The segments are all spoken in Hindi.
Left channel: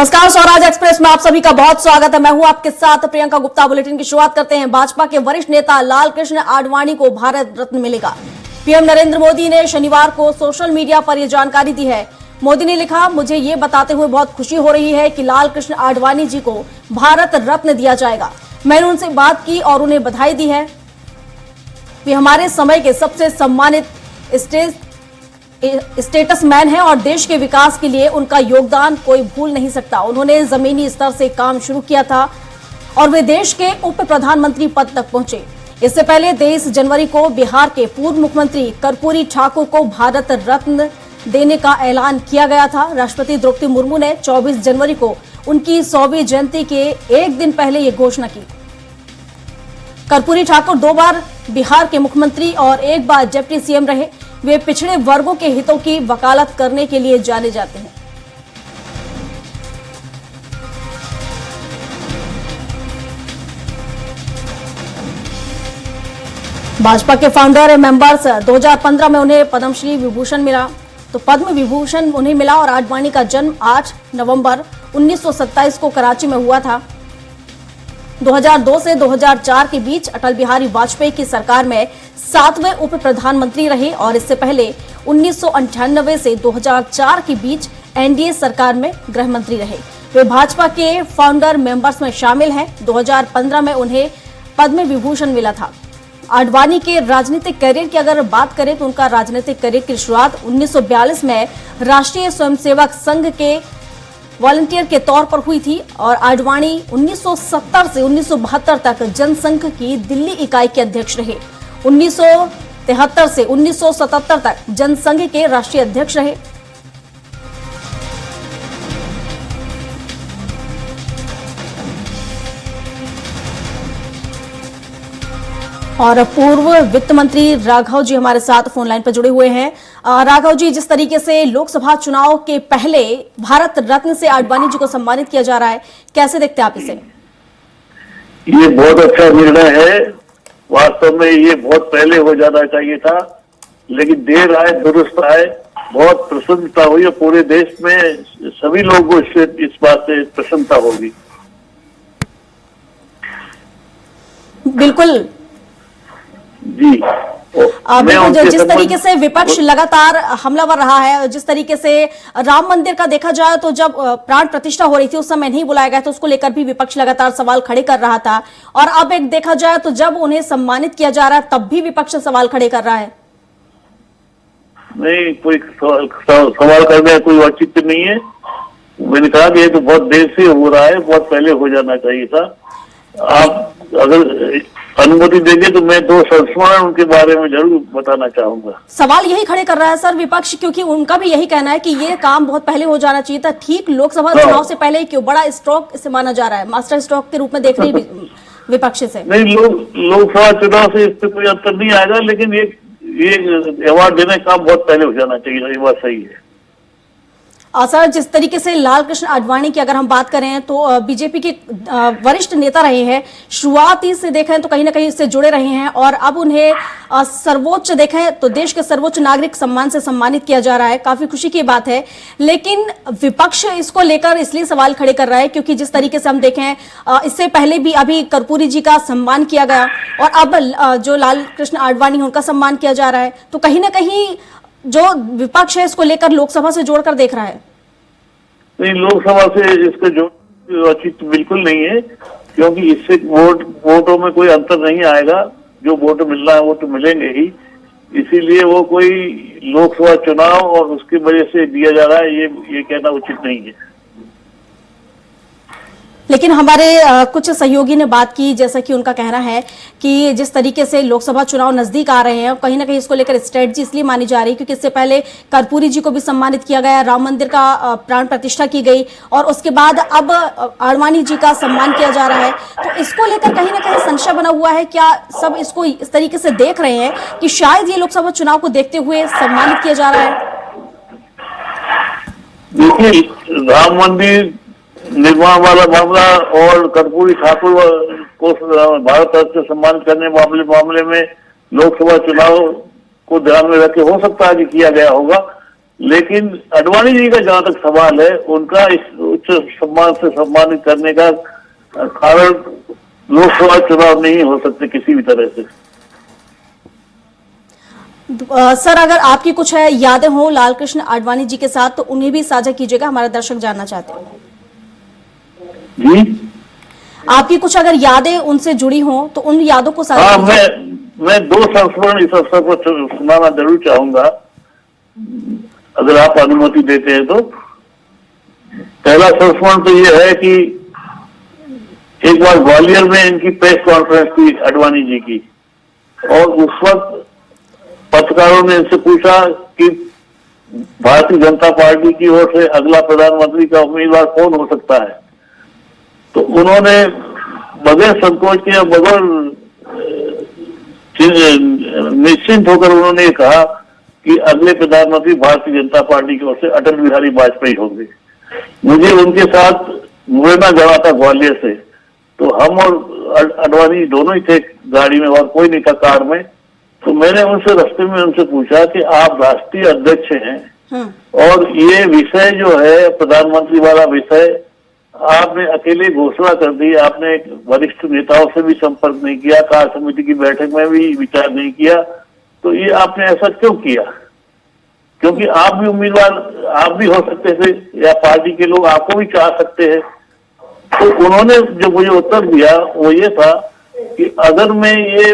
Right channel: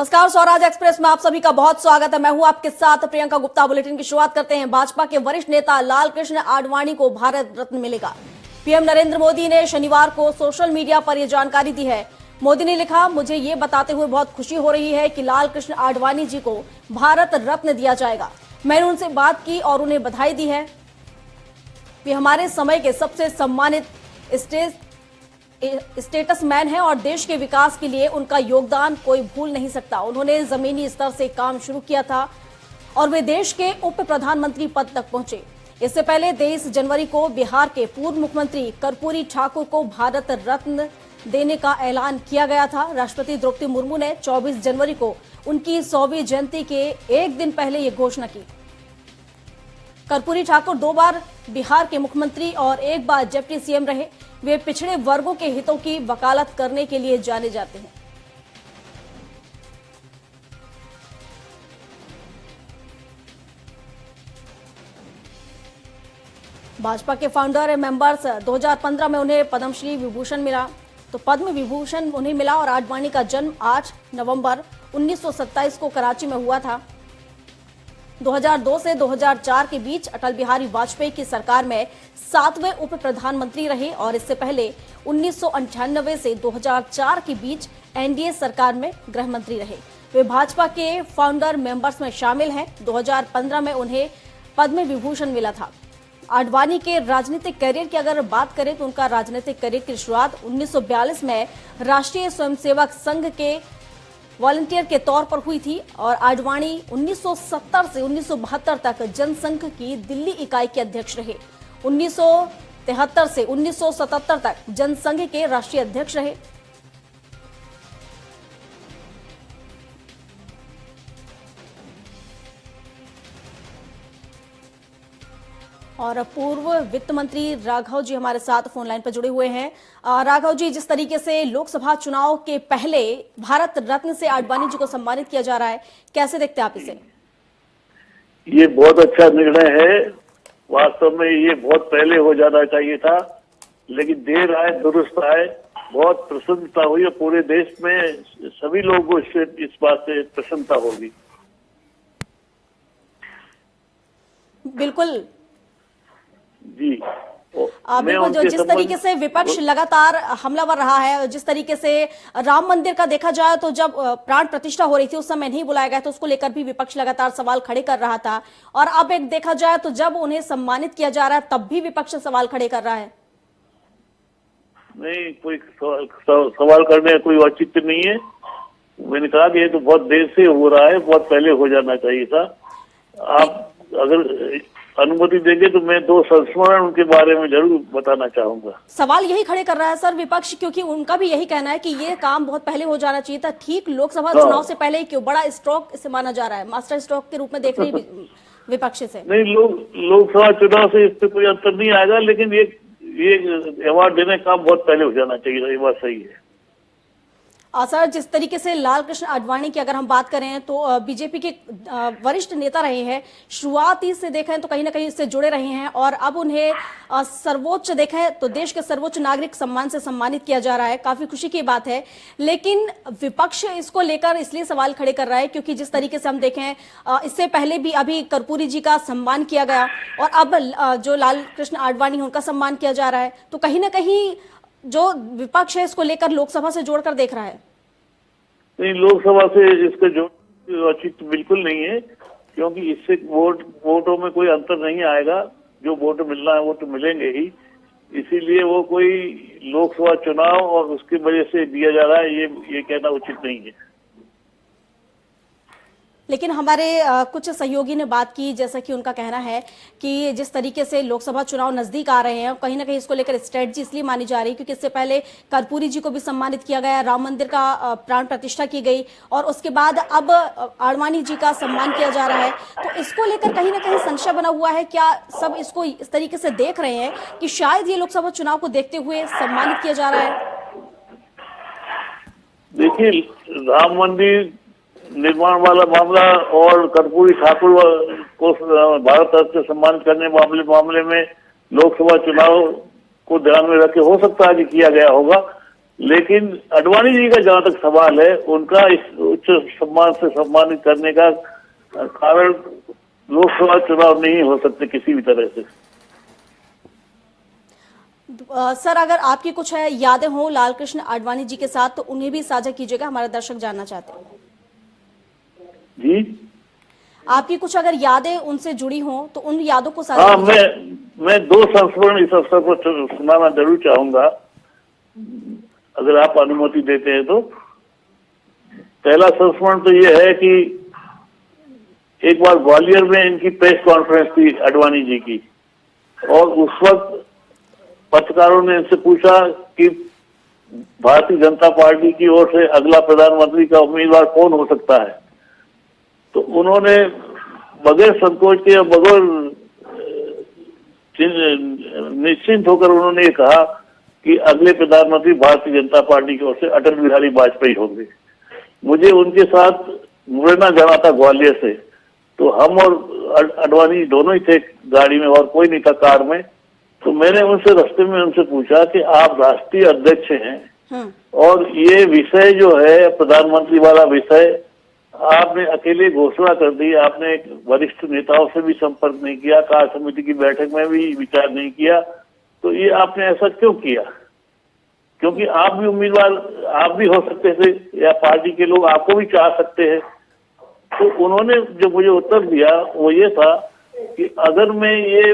नमस्कार, स्वराज एक्सप्रेस में आप सभी का बहुत स्वागत है। मैं हूं आपके साथ प्रियंका गुप्ता। बुलेटिन की शुरुआत करते हैं। भाजपा के वरिष्ठ नेता लालकृष्ण आडवाणी को भारत रत्न मिलेगा। पीएम नरेंद्र मोदी ने शनिवार को सोशल मीडिया पर यह जानकारी दी है। मोदी ने लिखा, मुझे ये बताते हुए बहुत खुशी हो रही है कि लालकृष्ण आडवाणी जी को भारत रत्न दिया जाएगा। मैंने उनसे बात की और उन्हें बधाई दी है। वे हमारे समय के सबसे सम्मानित स्टेटस मैन है और देश के विकास के लिए उनका योगदान कोई भूल नहीं सकता। उन्होंने जमीनी स्तर से काम शुरू किया था और वे देश के उप प्रधानमंत्री पद तक पहुंचे। इससे पहले 23 जनवरी को बिहार के पूर्व मुख्यमंत्री कर्पूरी ठाकुर को भारत रत्न देने का ऐलान किया गया था। राष्ट्रपति द्रौपदी मुर्मू ने 24 जनवरी को उनकी 100वीं जयंती के एक दिन पहले ये घोषणा की। कर्पूरी ठाकुर 2 बार बिहार के मुख्यमंत्री और 1 बार डिप्टी सीएम रहे। वे पिछड़े वर्गों के हितों की वकालत करने के लिए जाने जाते हैं। भाजपा के फाउंडर मेंबर्स 2015 में उन्हें पद्मश्री विभूषण मिला, तो पद्म विभूषण उन्हें मिला और आडवाणी का जन्म 8 नवंबर 1927 को कराची में हुआ था। 2002 से 2004 के बीच अटल बिहारी वाजपेयी की सरकार में 7वें उप प्रधानमंत्री रहे और इससे पहले 1998 से 2004 के बीच एनडीए सरकार में गृह मंत्री रहे। वे भाजपा के फाउंडर मेंबर्स में शामिल हैं। 2015 में उन्हें पद्म विभूषण मिला था। आडवाणी के राजनीतिक करियर की अगर बात करें तो उनका राजनीतिक करियर की शुरुआत 1942 में राष्ट्रीय स्वयंसेवक संघ के वॉलंटियर के तौर पर हुई थी और आडवाणी 1970 से 1972 तक जनसंघ की दिल्ली इकाई के अध्यक्ष रहे। 1973 से 1977 तक जनसंघ के राष्ट्रीय अध्यक्ष रहे। और पूर्व वित्त मंत्री राघव जी हमारे साथ फोन लाइन पर जुड़े हुए हैं। राघव जी, जिस तरीके से लोकसभा चुनाव के पहले भारत रत्न से आडवाणी जी को सम्मानित किया जा रहा है, कैसे देखते हैं आप इसे? ये बहुत अच्छा निर्णय है। वास्तव में ये बहुत पहले हो जाना चाहिए था, लेकिन देर आए दुरुस्त आए। बहुत प्रसन्नता हुई और पूरे देश में सभी लोगों को इस बात से प्रसन्नता होगी। बिल्कुल जी। बिल्कुल, जिस तरीके से विपक्ष लगातार हमलावर रहा है, जिस तरीके से राम मंदिर का देखा जाए तो जब प्राण प्रतिष्ठा हो रही थी उस समय नहीं बुलाया गया तो उसको लेकर भी विपक्ष लगातार सवाल खड़े कर रहा था और अब एक देखा जाए तो जब उन्हें सम्मानित किया जा रहा है तब भी विपक्ष सवाल खड़े कर रहा है। नहीं, कोई सवाल करने का कोई औचित्य नहीं है। मैंने कहा कि ये तो बहुत देर से हो रहा है, बहुत पहले हो जाना चाहिए था। आप अगर अनुमति देंगे तो मैं 2 संस्मरण उनके बारे में जरूर बताना चाहूंगा। सवाल यही खड़े कर रहा है सर विपक्ष, क्योंकि उनका भी यही कहना है कि ये काम बहुत पहले हो जाना चाहिए था। ठीक लोकसभा चुनाव से पहले क्यों बड़ा स्ट्रोक इसे माना जा रहा है, मास्टर स्ट्रोक के रूप में देख रही विपक्ष से? नहीं, लोकसभा चुनाव से इससे कोई अंतर नहीं आएगा, लेकिन ये अवार्ड देने का काम बहुत पहले हो जाना चाहिए। ये बात सही है। सर, जिस तरीके से लालकृष्ण आडवाणी की अगर हम बात करें तो बीजेपी के वरिष्ठ नेता रहे हैं, शुरुआती से देखें तो कहीं ना कहीं इससे जुड़े रहे हैं और अब उन्हें सर्वोच्च देखें तो देश के सर्वोच्च नागरिक सम्मान से सम्मानित किया जा रहा है। काफी खुशी की बात है, लेकिन विपक्ष इसको लेकर इसलिए सवाल खड़े कर रहा है क्योंकि जिस तरीके से हम देखें इससे पहले भी अभी कर्पूरी जी का सम्मान किया गया और अब जो लालकृष्ण आडवाणी उनका सम्मान किया जा रहा है, तो कहीं ना कहीं जो विपक्ष है इसको लेकर लोकसभा से जोड़कर देख रहा है। नहीं, लोकसभा से इसको जोड़ औचित्य बिल्कुल नहीं है, क्योंकि इससे वोटों में कोई अंतर नहीं आएगा। जो वोट मिलना है वो तो मिलेंगे ही, इसीलिए वो कोई लोकसभा चुनाव और उसकी वजह से दिया जा रहा है ये कहना उचित नहीं है। लेकिन हमारे कुछ सहयोगी ने बात की, जैसा कि उनका कहना है कि जिस तरीके से लोकसभा चुनाव नजदीक आ रहे हैं कहीं ना कहीं इसको लेकर स्ट्रेटजी इसलिए मानी जा रही है क्योंकि इससे पहले कर्पूरी जी को भी सम्मानित किया गया, राम मंदिर का प्राण प्रतिष्ठा की गई और उसके बाद अब आडवाणी जी का सम्मान किया जा रहा है। तो इसको लेकर कहीं ना कहीं संशय बना हुआ है। क्या सब इसको इस तरीके से देख रहे हैं कि शायद ये लोकसभा चुनाव को देखते हुए सम्मानित किया जा रहा है? देखिए, राम मंदिर निर्माण वाला मामला और कर्पूरी ठाकुर को भारत रत्न से सम्मान करने मामले में लोकसभा चुनाव को ध्यान में रख के हो सकता है कि किया गया होगा, लेकिन अडवाणी जी का जहां तक सवाल है, उनका इस उच्च सम्मान से सम्मानित करने का कारण लोकसभा चुनाव नहीं हो सकते किसी भी तरह से। सर, अगर आपकी कुछ है यादें हो लालकृष्ण आडवाणी जी के साथ तो उन्हें भी साझा कीजिएगा, हमारे दर्शक जानना चाहते हैं। जी, आपकी कुछ अगर यादें उनसे जुड़ी हों तो उन यादों को साझा हाँ, कीजिए। मैं 2 संस्मरण इस अवसर पर सुनाना जरूर चाहूंगा, अगर आप अनुमति देते हैं तो। पहला संस्मरण तो यह है कि एक बार ग्वालियर में इनकी प्रेस कॉन्फ्रेंस थी अडवाणी जी की, और उस वक्त पत्रकारों ने इनसे पूछा कि भारतीय जनता पार्टी की ओर से अगला प्रधानमंत्री का उम्मीदवार कौन हो सकता है। तो उन्होंने बगैर संकोच के, बगैर निश्चिंत होकर उन्होंने कहा कि अगले प्रधानमंत्री भारतीय जनता पार्टी की ओर से अटल बिहारी वाजपेयी होंगे। मुझे उनके साथ मुरैना जाना था ग्वालियर से, तो हम और अडवाणी दोनों ही थे गाड़ी में, और कोई नहीं था कार में। तो मैंने उनसे रास्ते में उनसे पूछा कि आप राष्ट्रीय अध्यक्ष हैं और ये विषय जो है प्रधानमंत्री वाला विषय आपने अकेले घोषणा कर दी, आपने वरिष्ठ नेताओं से भी संपर्क नहीं किया, कार्य समिति की बैठक में भी विचार नहीं किया, तो ये आपने ऐसा क्यों किया? क्योंकि आप भी उम्मीदवार, आप भी हो सकते थे, या पार्टी के लोग आपको भी चाह सकते हैं। तो उन्होंने जो मुझे उत्तर दिया वो ये था कि अगर मैं ये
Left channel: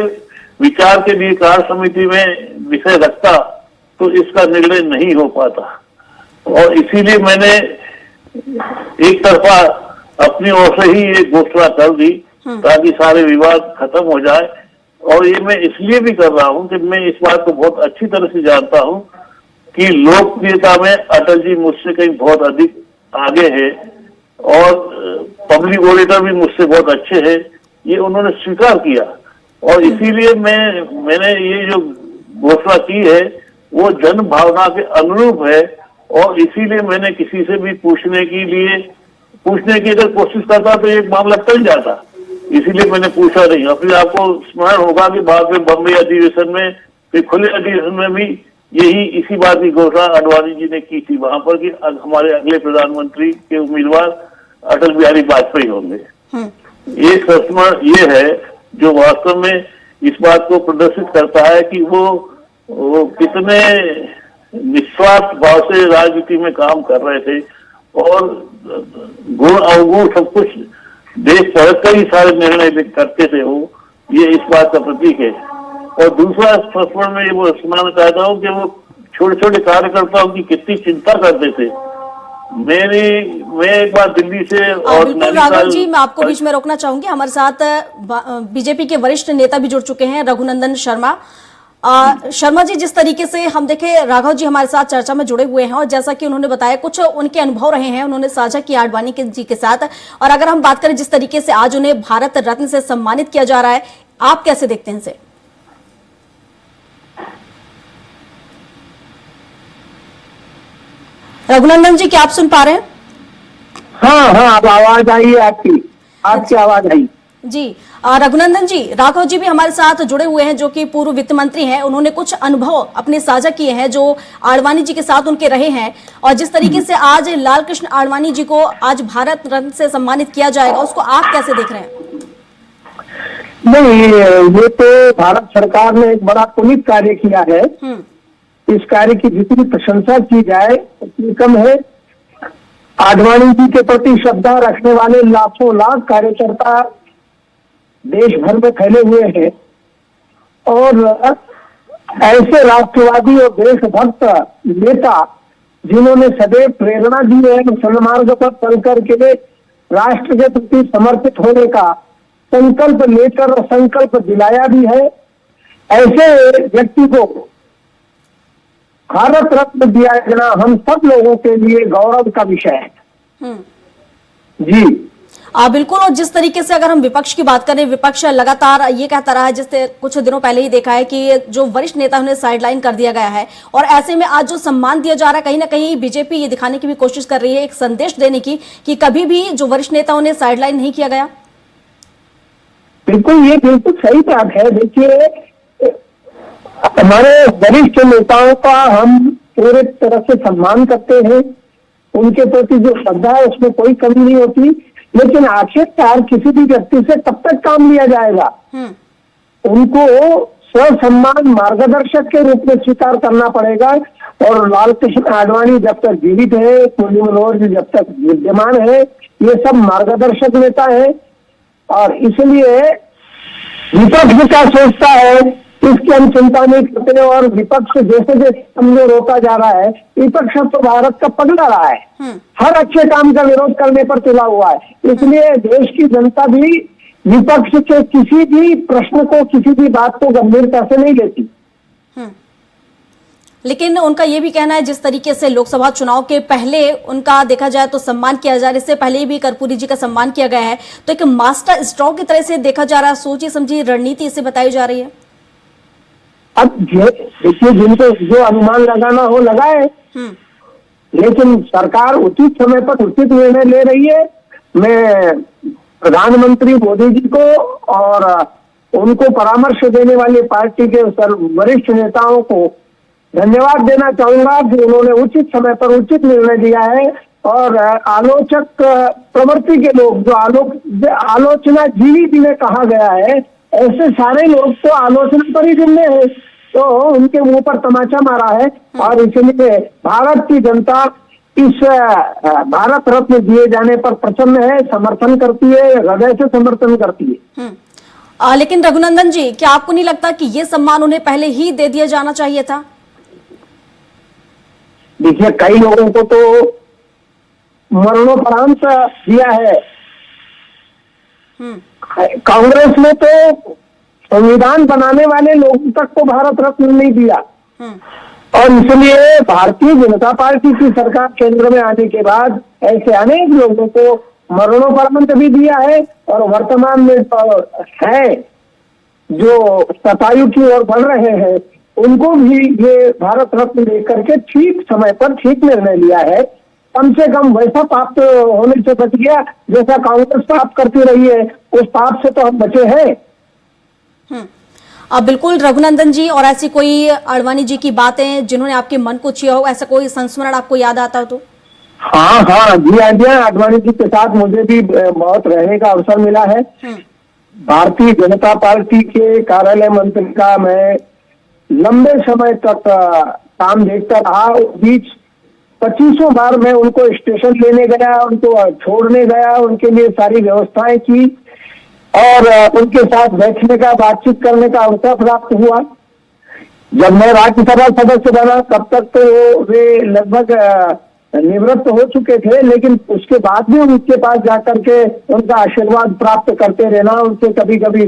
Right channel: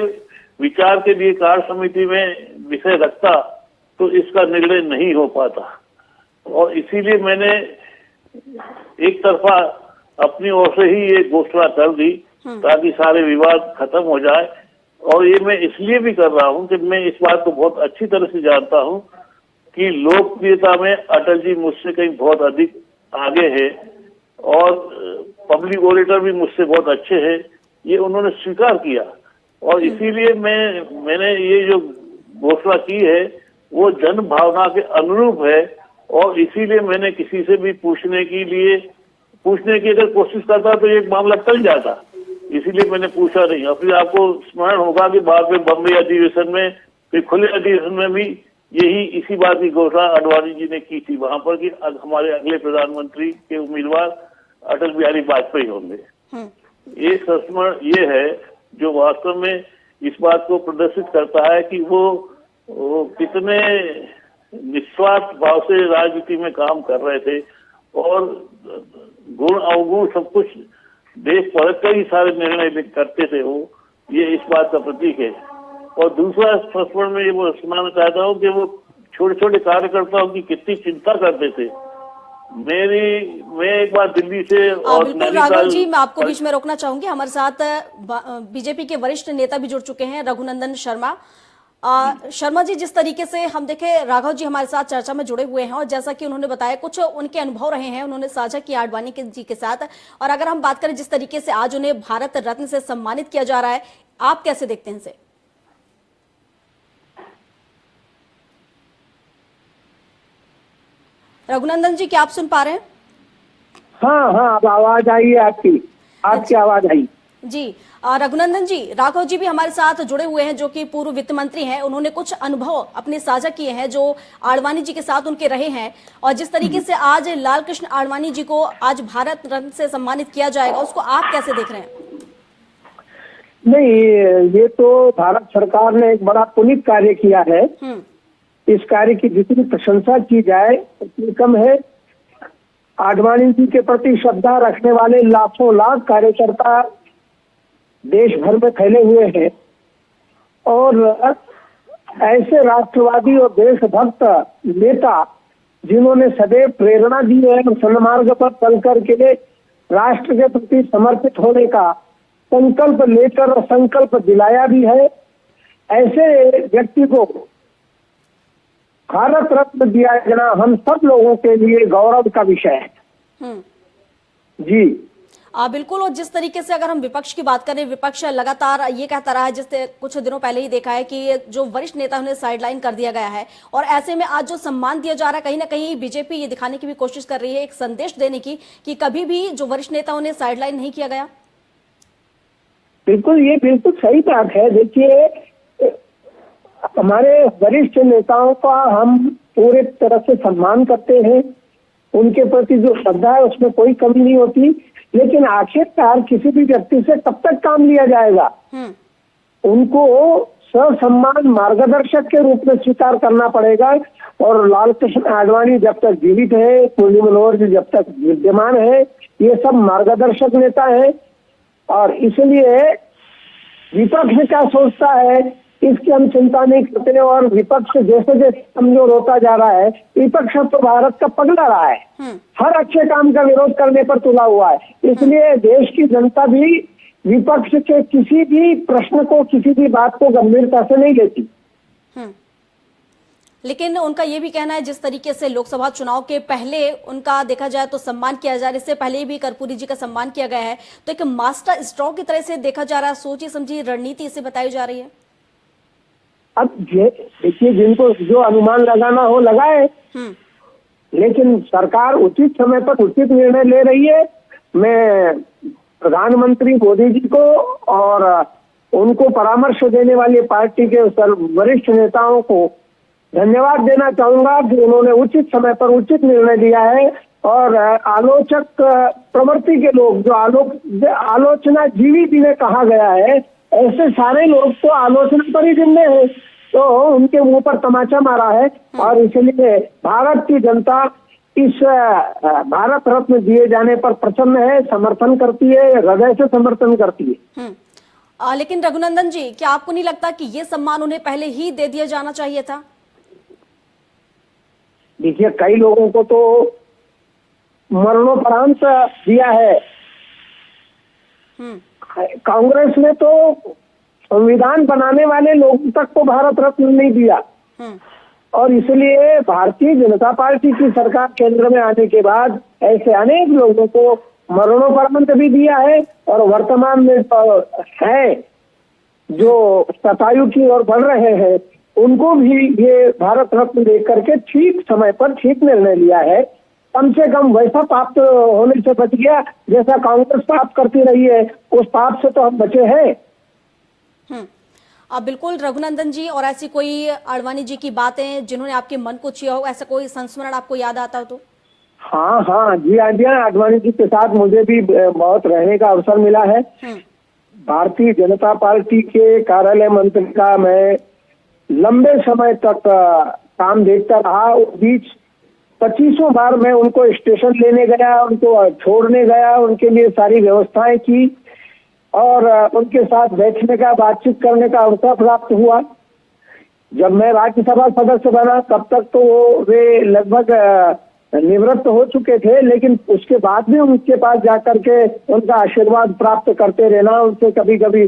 विचार के लिए कार्य समिति में विषय रखता तो इसका निर्णय नहीं हो पाता, और इसीलिए मैंने एक तरफा अपनी ओर से ही ये घोषणा कर दी ताकि सारे विवाद खत्म हो जाए। और ये मैं इसलिए भी कर रहा हूं कि मैं इस बात को बहुत अच्छी तरह से जानता हूं कि लोकप्रियता में अटल जी मुझसे कहीं बहुत अधिक आगे है, और पब्लिक ओरेटर भी मुझसे बहुत अच्छे हैं, ये उन्होंने स्वीकार किया। और इसीलिए मैंने ये जो घोषणा की है वो जन भावना के अनुरूप है, और इसीलिए मैंने किसी से भी पूछने की अगर कोशिश करता तो एक मामला टल जाता, इसीलिए मैंने पूछा नहीं। और फिर आपको स्मरण होगा कि बाद में बम्बई अधिवेशन में, फिर खुले अधिवेशन में भी इसी बात की घोषणा अडवाणी जी ने की थी वहां पर कि हमारे अगले प्रधानमंत्री के उम्मीदवार अटल बिहारी वाजपेयी होंगे। एक संस्मरण ये है जो वास्तव में इस बात को प्रदर्शित करता है कि वो कितने निस्वार्थ भाव से राजनीति में काम कर रहे थे, और गुण अवगुण सब कुछ देख परख कर ही सारे निर्णय करते थे वो, ये इस बात का प्रतीक है। और दूसरा संस्मरण में वो सुनाना चाहता हूँ कि वो छोटे छोटे कार्यकर्ताओं की कितनी चिंता करते थे। मैं एक बार दिल्ली से और बिल्कुल राघव जी, मैं आपको बीच में रोकना चाहूंगी। हमारे साथ बीजेपी के वरिष्ठ नेता भी जुड़ चुके हैं, रघुनंदन शर्मा। शर्मा जी, जिस तरीके से हम देखे राघव जी हमारे साथ चर्चा में जुड़े हुए हैं, और जैसा कि उन्होंने बताया कुछ उनके अनुभव रहे हैं, उन्होंने साझा किया आडवाणी जी के साथ। और अगर हम बात करें जिस तरीके से आज उन्हें भारत रत्न से सम्मानित किया जा रहा है, आप कैसे देखते हैं इसे? रघुनंदन जी, क्या आप सुन पा रहे हैं? हाँ, अब आवाज आई है आपकी आवाज आई जी। रघुनंदन जी, राघव जी भी हमारे साथ जुड़े हुए हैं जो कि पूर्व वित्त मंत्री हैं। उन्होंने कुछ अनुभव अपने साझा किए हैं जो आडवाणी जी के साथ उनके रहे हैं, और जिस तरीके से आज लालकृष्ण आडवाणी जी को आज भारत रत्न से सम्मानित किया जाएगा, उसको आप कैसे देख रहे हैं? नहीं, ये तो भारत सरकार ने एक बड़ा पुनीत कार्य किया है। इस कार्य की जितनी प्रशंसा की जाए उतनी कम है। आडवाणी जी के प्रति श्रद्धा रखने वाले लाखों लाख कार्यकर्ता देश भर में फैले हुए हैं, और ऐसे राष्ट्रवादी और देशभक्त नेता जिन्होंने सदैव प्रेरणा दी है सन्मार्ग पर चल करके राष्ट्र के प्रति समर्पित होने का संकल्प लेकर और संकल्प दिलाया भी है, ऐसे व्यक्ति को भारत रत्न दिया जाना हम सब लोगों के लिए गौरव का विषय है। जी बिल्कुल। और जिस तरीके से अगर हम विपक्ष की बात करें, विपक्ष लगातार ये कहता रहा है, जिससे कुछ दिनों पहले ही देखा है कि जो वरिष्ठ नेता उन्हें साइडलाइन कर दिया गया है, और ऐसे में आज जो सम्मान दिया जा रहा है, कहीं ना कहीं बीजेपी ये दिखाने की भी कोशिश कर रही है, एक संदेश देने की कि कभी भी जो वरिष्ठ नेता उन्हें साइडलाइन नहीं किया गया। बिल्कुल, ये बिल्कुल सही बात है। देखिए, हमारे वरिष्ठ नेताओं का हम पूरे तरह से सम्मान करते हैं, उनके प्रति जो श्रद्धा है उसमें कोई कमी नहीं होती। लेकिन आखिरकार किसी भी व्यक्ति से तब तक काम लिया जाएगा, उनको स्वसम्मान मार्गदर्शक के रूप में स्वीकार करना पड़ेगा। और लाल कृष्ण आडवाणी जब तक जीवित है, मुरली मनोहर जी जब तक विद्यमान है, ये सब मार्गदर्शक नेता है। और इसलिए विपक्ष क्या सोचता है इसकी हम चिंता नहीं करते। और विपक्ष जैसे जैसे कमजोर होता जा रहा है, विपक्ष तो भारत का पगला रहा है, हर अच्छे काम का विरोध करने पर तुला हुआ है। इसलिए देश की जनता भी विपक्ष के किसी भी प्रश्न को, किसी भी बात को गंभीरता से नहीं लेती। लेकिन उनका यह भी कहना है जिस तरीके से लोकसभा चुनाव के पहले उनका देखा जाए तो सम्मान किया जा रहा है, इससे पहले भी कर्पूरी जी का सम्मान किया गया है, तो एक मास्टर स्ट्रोक की तरह से देखा जा रहा है, सोची समझी रणनीति इसे बताई जा रही है। अब देखिए, जिनको जो अनुमान लगाना हो लगाए, लेकिन सरकार उचित समय पर उचित निर्णय ले रही है। मैं प्रधानमंत्री मोदी जी को और उनको परामर्श देने वाली पार्टी के वरिष्ठ नेताओं को धन्यवाद देना चाहूंगा कि उन्होंने उचित समय पर उचित निर्णय लिया है। और आलोचक प्रवृत्ति के लोग, जो आलोचना जीवी जिन्हें कहा गया है, ऐसे सारे लोग तो आलोचना पर ही जिम्मे हैं, तो उनके मुंह पर तमाचा मारा है। और इसलिए भारत की जनता इस भारत रत्न दिए जाने पर प्रसन्न है, समर्थन करती है, हृदय से समर्थन करती है। लेकिन रघुनंदन जी, क्या आपको नहीं लगता कि ये सम्मान उन्हें पहले ही दे दिया जाना चाहिए था? देखिए, कई लोगों को तो मरणोपरांत दिया है। कांग्रेस ने तो संविधान बनाने वाले लोगों तक तो भारत रत्न नहीं दिया। और इसलिए भारतीय जनता पार्टी की सरकार केंद्र में आने के बाद ऐसे अनेक लोगों को मरणोपरांत भी दिया है। और वर्तमान में है जो सतायु की ओर बढ़ रहे हैं, उनको भी ये भारत रत्न देकर के ठीक समय पर ठीक निर्णय लिया है। कम से कम वैसा पाप तो होने से बच गया जैसा कांग्रेस पाप करती रही है, उस पाप से तो हम बचे हैं। बिल्कुल रघुनंदन जी, और ऐसी कोई आडवाणी जी की बातें जिन्होंने आपके मन को छुआ हो, ऐसा कोई संस्मरण आपको याद आता हो तो? हाँ जी, आडवाणी जी के साथ मुझे भी बहुत रहने का अवसर मिला है। भारतीय जनता पार्टी के कार्यालय मंत्री का मैं लंबे समय तक काम देखता रहा। उस बीच 25 बार मैं उनको स्टेशन लेने गया, उनको छोड़ने गया, उनके लिए सारी व्यवस्थाएं की और उनके साथ बैठने का, बातचीत करने का अवसर प्राप्त हुआ। जब मैं राज्यसभा सदस्य बना तब तक तो वे लगभग निवृत्त हो चुके थे, लेकिन उसके बाद भी उनके पास जाकर के उनका आशीर्वाद प्राप्त करते रहना, उनसे कभी कभी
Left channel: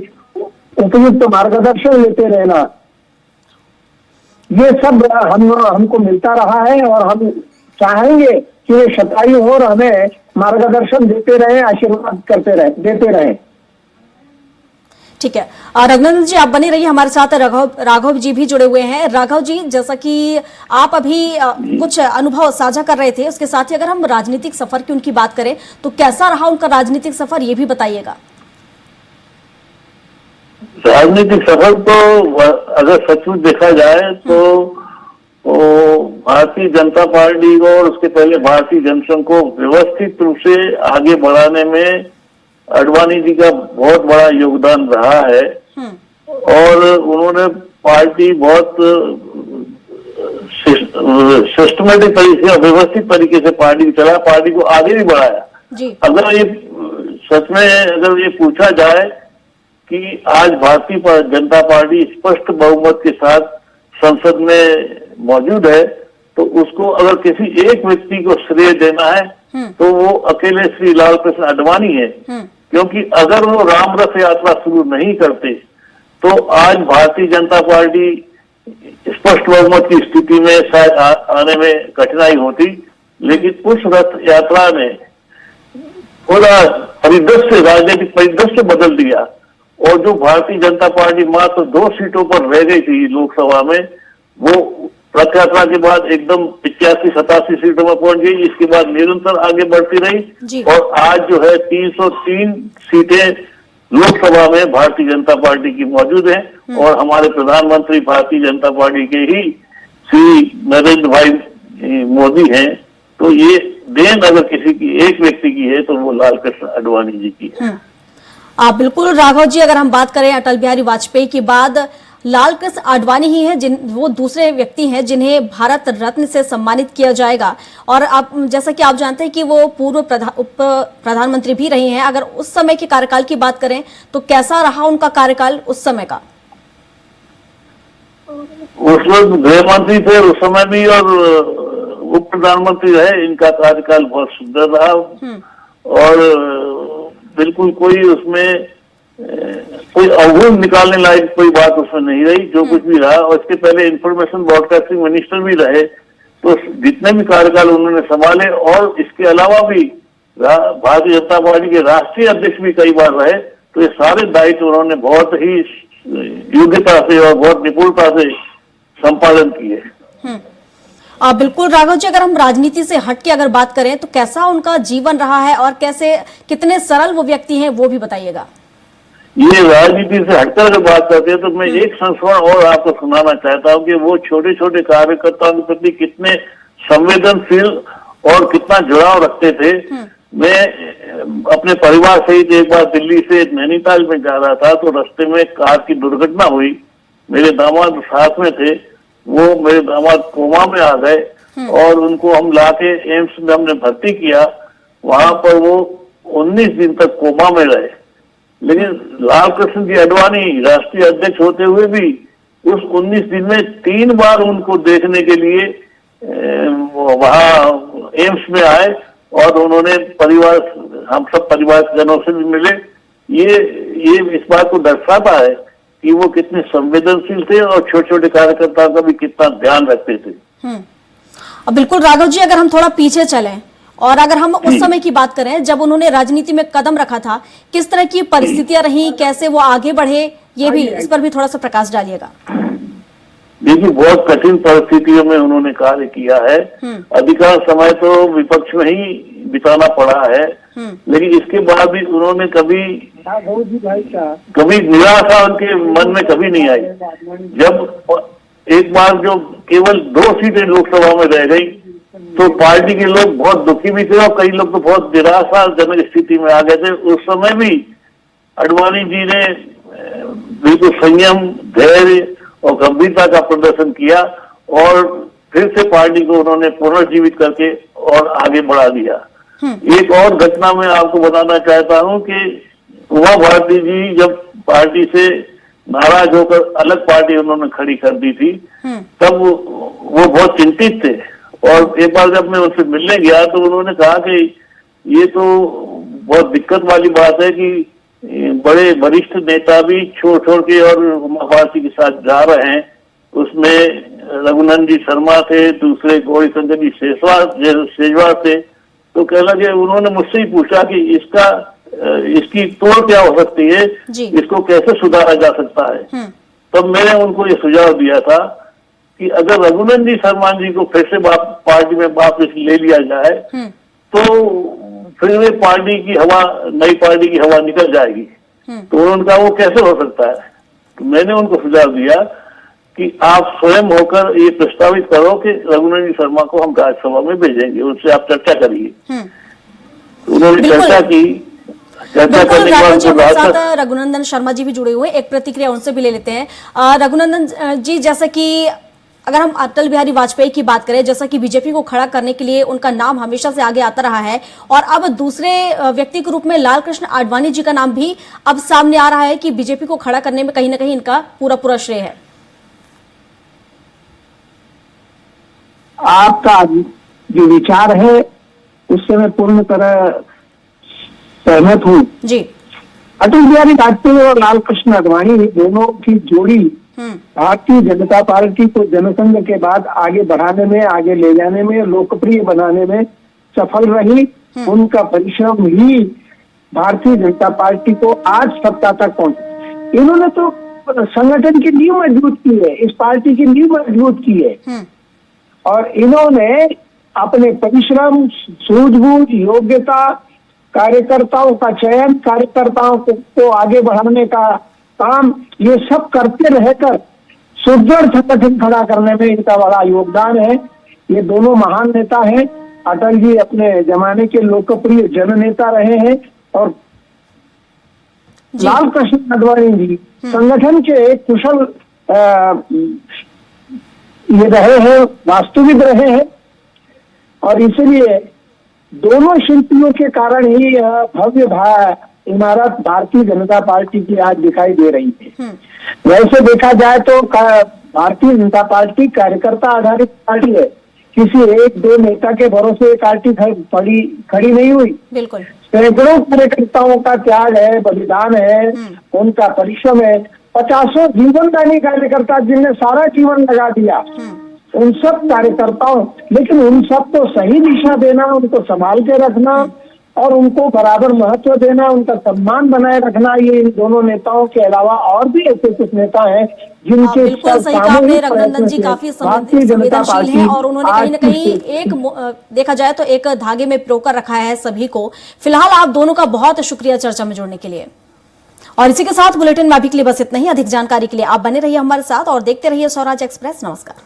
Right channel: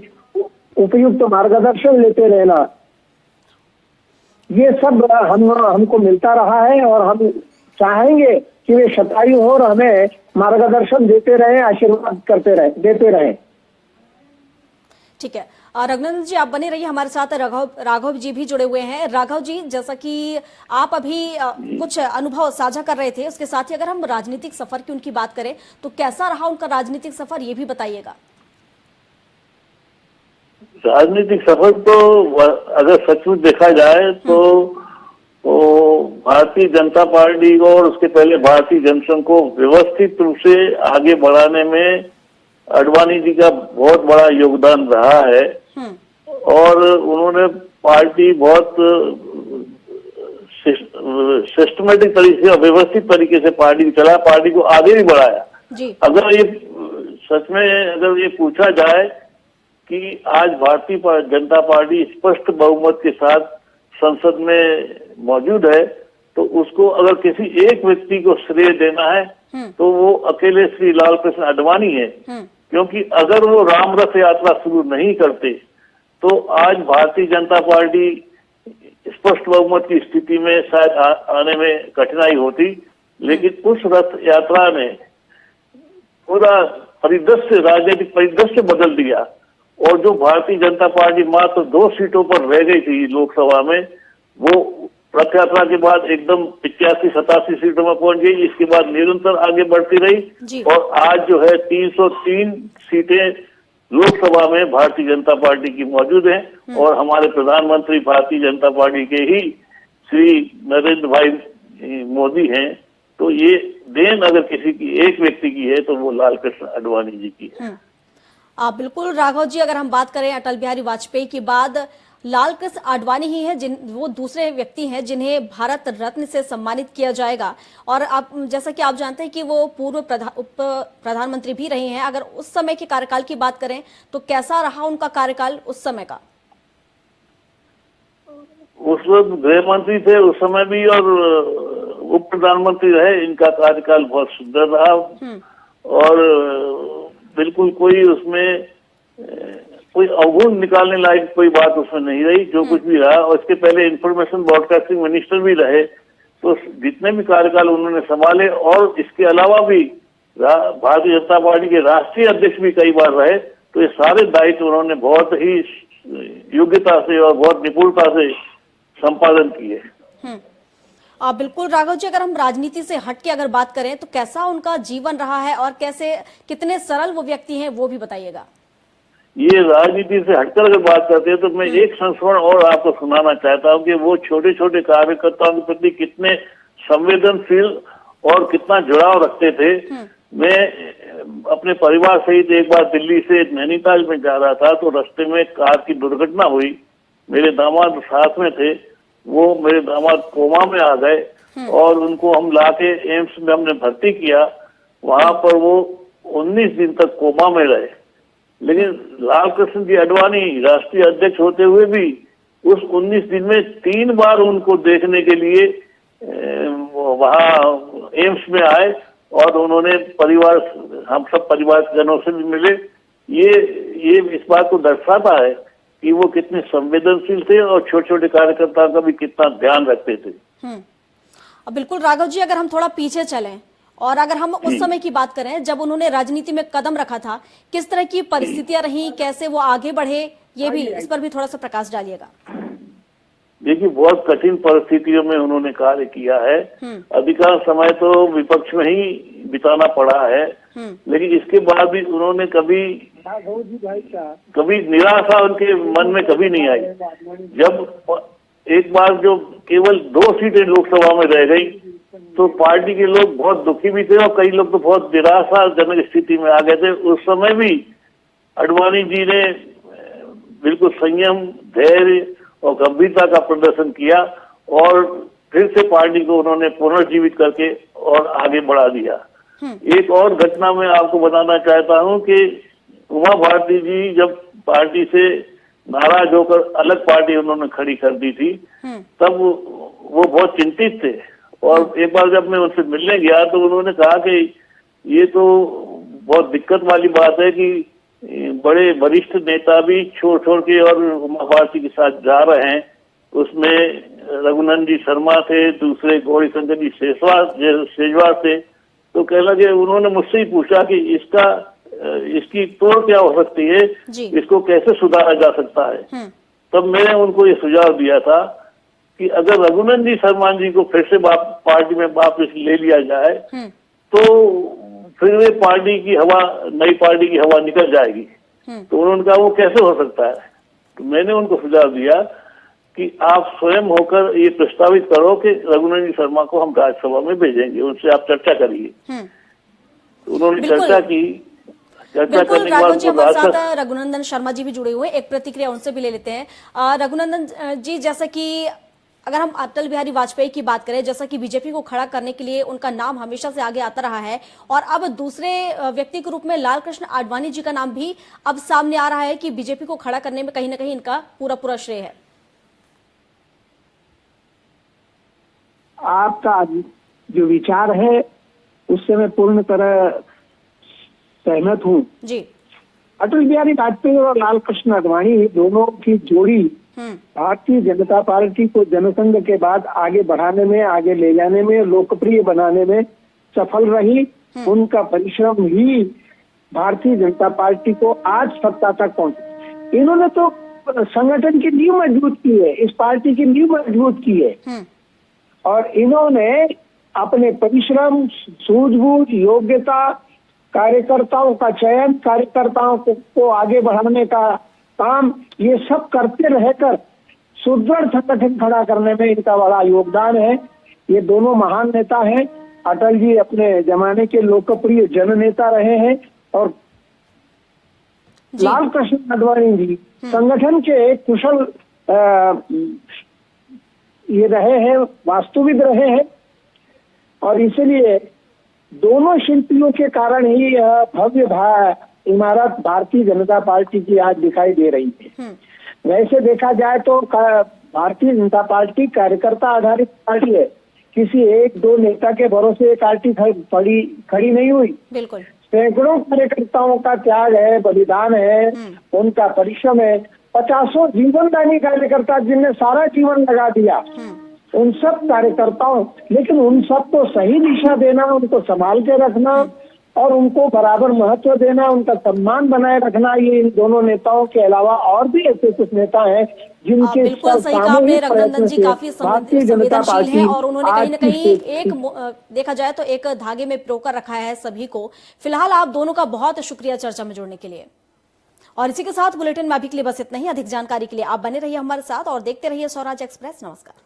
उपयुक्त मार्गदर्शन लेते रहना, ये सब हमको मिलता रहा है। और हम चाहेंगे कि वे शतायु हो और हमें मार्गदर्शन देते रहे, आशीर्वाद देते रहे। ठीक है, रघुनंदन जी आप बने रहिए हमारे साथ। राघव जी भी जुड़े हुए हैं। राघव जी, जैसा कि आप अभी कुछ अनुभव साझा कर रहे थे, उसके साथ ही अगर हम राजनीतिक सफर की उनकी बात करें तो कैसा रहा उनका राजनीतिक सफर, ये भी बताइएगा। राजनीतिक सफर तो अगर सचमुच देखा जाए तो भारतीय जनता पार्टी को और उसके पहले भारतीय जनसंघ को व्यवस्थित रूप से आगे बढ़ाने में आडवाणी जी का बहुत बड़ा योगदान रहा है। और उन्होंने पार्टी बहुत सिस्टमेटिक तरीके से, व्यवस्थित तरीके से पार्टी चलाया, पार्टी को आगे भी बढ़ाया। अगर ये सच में अगर ये पूछा जाए कि आज भारतीय जनता पार्टी स्पष्ट बहुमत के साथ संसद में मौजूद है, तो उसको अगर किसी एक व्यक्ति को श्रेय देना है तो वो अकेले श्री लाल कृष्ण आडवाणी है। क्योंकि अगर वो राम रथ यात्रा शुरू नहीं करते तो आज भारतीय जनता पार्टी स्पष्ट बहुमत की स्थिति में शायद आने में कठिनाई होती। लेकिन उस रथ यात्रा ने पूरा परिदृश्य, राजनीतिक परिदृश्य बदल दिया। और जो भारतीय जनता पार्टी मात्र 2 सीटों पर रह गई थी लोकसभा में, वो रथ यात्रा के बाद एकदम 85-87 सीटों में पहुंच गई। इसके बाद निरंतर आगे बढ़ती रही और आज जो है 303 सीटें लोकसभा में भारतीय जनता पार्टी की मौजूद हैं। और हमारे प्रधानमंत्री भारतीय जनता पार्टी के ही श्री नरेंद्र भाई मोदी हैं, तो ये देन अगर किसी की एक व्यक्ति की है तो वो लाल कृष्ण आडवाणी जी की है। बिल्कुल राघव जी, अगर हम बात करें अटल बिहारी वाजपेयी के बाद लाल कृष्ण आडवाणी ही है वो दूसरे व्यक्ति हैं जिन्हें भारत रत्न से सम्मानित किया जाएगा। और आप जैसा कि आप जानते हैं कि वो पूर्व उप प्रधानमंत्री भी रही हैं। अगर उस समय के कार्यकाल की बात करें तो कैसा रहा उनका कार्यकाल उस समय का? उस वक्त गृह मंत्री थे उस समय भी और उप प्रधानमंत्री रहे। इनका कार्यकाल बहुत सुंदर रहा और बिल्कुल कोई उसमें कोई अवगुण निकालने लायक कोई बात उसमें नहीं रही। जो कुछ भी रहा, और इसके पहले इंफॉर्मेशन ब्रॉडकास्टिंग मिनिस्टर भी रहे, तो जितने भी कार्यकाल उन्होंने संभाले और इसके अलावा भी भारतीय जनता पार्टी के राष्ट्रीय अध्यक्ष भी कई बार रहे, तो ये सारे दायित्व उन्होंने बहुत ही योग्यता से और बहुत निपुणता से संपादन किए। बिल्कुल राघव जी, अगर हम राजनीति से हट के अगर बात करें तो कैसा उनका जीवन रहा है और कैसे कितने सरल वो व्यक्ति हैं वो भी बताइएगा। ये राजनीति से हटकर अगर बात करते हैं तो मैं एक संस्मरण और आपको सुनाना चाहता हूँ कि वो छोटे छोटे कार्यकर्ताओं के प्रति कितने संवेदनशील और कितना जुड़ाव रखते थे। मैं अपने परिवार सहित एक बार दिल्ली से नैनीताल में जा रहा था, तो रास्ते में कार की दुर्घटना हुई। मेरे दामाद साथ में थे, वो मेरे दामाद कोमा में आ गए और उनको हम लाके एम्स में हमने भर्ती किया। वहां पर वो 19 दिन तक कोमा में रहे, लेकिन लाल कृष्ण जी आडवाणी राष्ट्रीय अध्यक्ष होते हुए भी उस 19 दिन में 3 बार उनको देखने के लिए वहां एम्स में आए और उन्होंने हम सब परिवार जनों से भी मिले। ये इस बात को दर्शाता है कि वो कितने संवेदनशील थे और छोटे छोटे कार्यकर्ताओं का भी कितना ध्यान रखते थे। अब बिल्कुल राघव जी, अगर हम थोड़ा पीछे चलें और अगर हम उस समय की बात करें जब उन्होंने राजनीति में कदम रखा था, किस तरह की परिस्थितियां रही, कैसे वो आगे बढ़े, ये भी इस पर भी थोड़ा सा प्रकाश डालिएगा। देखिए, बहुत कठिन परिस्थितियों में उन्होंने कार्य किया है। अधिकांश समय तो विपक्ष में ही बिताना पड़ा है, लेकिन इसके बाद भी उन्होंने कभी निराशा उनके मन में कभी नहीं आई। जब एक बार जो केवल 2 सीटें लोकसभा में रह गई तो पार्टी के लोग बहुत दुखी भी थे और कई लोग तो बहुत निराशाजनक स्थिति में आ गए थे। उस समय भी आडवाणी जी ने बिल्कुल संयम, धैर्य और गंभीरता का प्रदर्शन किया और फिर से पार्टी को उन्होंने पुनर्जीवित करके और आगे बढ़ा दिया। एक और घटना मैं आपको बताना चाहता हूं कि उमा भारती जी जब पार्टी से नाराज होकर अलग पार्टी उन्होंने खड़ी कर दी थी, तब वो बहुत चिंतित थे। और एक बार जब मैं उनसे मिलने गया तो उन्होंने कहा कि ये तो बहुत दिक्कत वाली बात है कि बड़े वरिष्ठ नेता भी छोड़ के और उमा भारती के साथ जा रहे हैं। उसमें रघुनंदन जी शर्मा थे, दूसरे गौरी शंकर जी शेजवार थे। तो कह लगे, उन्होंने मुझसे ही पूछा कि इसकी तोड़ क्या हो सकती है, इसको कैसे सुधारा जा सकता है। तब मैंने उनको ये सुझाव दिया था कि अगर रघुनंदन जी शर्मा जी को फिर से पार्टी में वापस ले लिया जाए तो फिर वे पार्टी की हवा, नई पार्टी की हवा निकल जाएगी। तो उनका वो कैसे हो सकता है। तो मैंने उनको सुझाव दिया कि आप स्वयं होकर ये प्रस्तावित करो कि रघुनंदन जी शर्मा को हम राज्यसभा में भेजेंगे, उनसे आप चर्चा करिए। उन्होंने चर्चा की। रघुनंदन शर्मा जी भी जुड़े हुए, एक प्रतिक्रिया उनसे भी ले लेते हैं। रघुनंदन जी, जैसा कि अगर हम अटल बिहारी वाजपेयी की बात करें, जैसा कि बीजेपी को खड़ा करने के लिए उनका नाम हमेशा से आगे आता रहा है और अब दूसरे व्यक्ति के रूप में लाल कृष्ण आडवाणी जी का नाम भी अब सामने आ रहा है कि बीजेपी को खड़ा करने में कहीं ना कहीं इनका पूरा श्रेय है। आपका जो विचार है उससे मैं पूर्ण तरह सहमत हूँ जी। अटल बिहारी वाजपेयी और लाल कृष्ण आडवाणी दोनों की जोड़ी भारतीय जनता पार्टी को जनसंघ के बाद आगे बढ़ाने में, आगे ले जाने में, लोकप्रिय बनाने में सफल रही। उनका परिश्रम ही भारतीय जनता पार्टी को आज सत्ता तक पहुंचा। इन्होंने तो संगठन की नींव मजबूत की है, इस पार्टी की नींव मजबूत की है और इन्होंने अपने परिश्रम, सूझबूझ, योग्यता, कार्यकर्ताओं का चयन, कार्यकर्ताओं को आगे बढ़ाने का काम, ये सब करते रहकर सुदृढ़ संगठन खड़ा करने में इनका बड़ा योगदान है। ये दोनों महान नेता हैं। अटल जी अपने जमाने के लोकप्रिय जननेता रहे हैं और लाल कृष्ण आडवाणी जी संगठन के एक कुशल ये रहे हैं, वास्तविक रहे हैं। और इसलिए दोनों शिल्पियों के कारण ही यह भव्य इमारत भारतीय जनता पार्टी की आज दिखाई दे रही है। वैसे देखा जाए तो भारतीय जनता पार्टी कार्यकर्ता आधारित पार्टी है। किसी एक दो नेता के भरोसे पार्टी खड़ी नहीं हुई। बिल्कुल। सैकड़ों कार्यकर्ताओं का त्याग है, बलिदान है, उनका परिश्रम है। 50 जीवनदानी कार्यकर्ता जिनने सारा जीवन लगा दिया, उन सब कार्यकर्ताओं, लेकिन उन सब को सही दिशा देना, उनको संभाल के रखना और उनको बराबर महत्व देना, उनका सम्मान बनाए रखना, ये इन दोनों नेताओं के अलावा और भी ऐसे कुछ नेता हैं जिनके बिल्कुल सही कहा आपने। रघुनंदन जी काफी संवेदनशील हैं और उन्होंने कहीं न कहीं एक देखा जाए तो एक धागे में पिरोकर रखा है सभी को। फिलहाल आप दोनों का बहुत शुक्रिया चर्चा में जुड़ने के लिए। और इसी के साथ बुलेटिन में अभी के लिए बस इतना ही। अधिक जानकारी के लिए आप बने रहिए हमारे साथ और देखते रहिए स्वराज एक्सप्रेस। नमस्कार।